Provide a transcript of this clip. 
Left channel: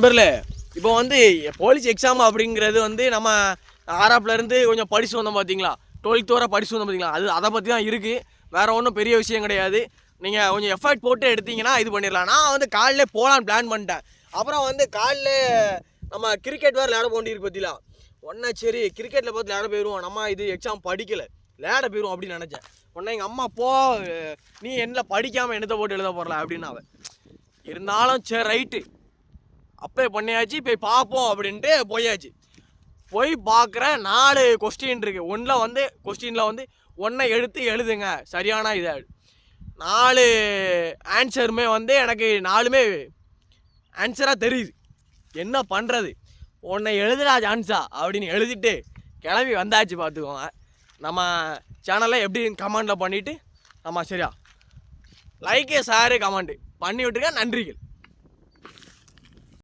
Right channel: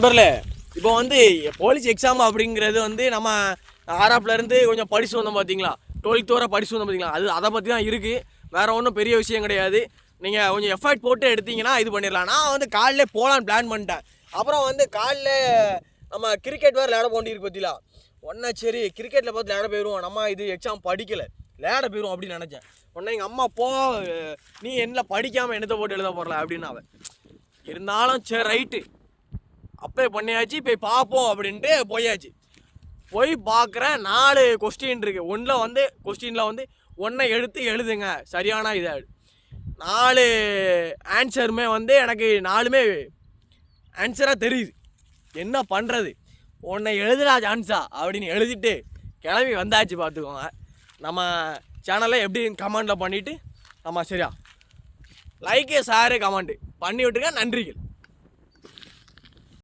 நம்பர்ல இப்போ வந்து போலீஸ் எக்ஸாம் அப்படிங்கிறது வந்து நம்ம ஆறாப்லேருந்து கொஞ்சம் படிச்சு வந்தோம் பார்த்தீங்களா, 12th வரை படிச்சு வந்தோம் பார்த்தீங்களா, அதை பற்றி தான் இருக்குது. வேறு ஒன்றும் பெரிய விஷயம் கிடையாது. நீங்கள் கொஞ்சம் எஃபர்ட் போட்டு எடுத்தீங்கன்னா இது பண்ணிடலாம். நான் வந்து காலையிலே போகலான்னு பிளான் பண்ணிட்டேன். அப்புறம் வந்து காலைல நம்ம கிரிக்கெட் வேறு விளையாட போண்டிருக்கு பார்த்தீங்களா, உடனே சரி கிரிக்கெட்டில் பார்த்து விளையாட போயிடுவோம், நம்ம இது எக்ஸாம் படிக்கலை விளையாட போயிடுவோம் அப்படின்னு நினச்சேன். உடனே எங்கள் அம்மா நீ என்ன படிக்காமல் என்னத்தை போட்டு எழுத போடல அப்படின்னு. அவன் இருந்தாலும் சரி ரைட்டு அப்ளை பண்ணியாச்சு, போய் பார்ப்போம் அப்படின்ட்டு போயாச்சு. போய் பார்க்குற 4 கொஸ்டின் இருக்குது. கொஸ்டினில் வந்து ஒன்றை எடுத்து எழுதுங்க சரியான இதை. 4 ஆன்சருமே வந்து எனக்கு 4மே ஆன்சராக தெரியுது. என்ன பண்ணுறது, ஒன்றை எழுதுடா சான்ஸா அப்படின்னு எழுதிட்டு கிளம்பி வந்தாச்சு. பார்த்துக்கோங்க. நம்ம சேனலில் எப்படி கமெண்டில் பண்ணிவிட்டு நம்ம சரியா லைக்கு ஷேரு கமெண்ட்டு பண்ணி விட்டுருங்க. நன்றிகள்.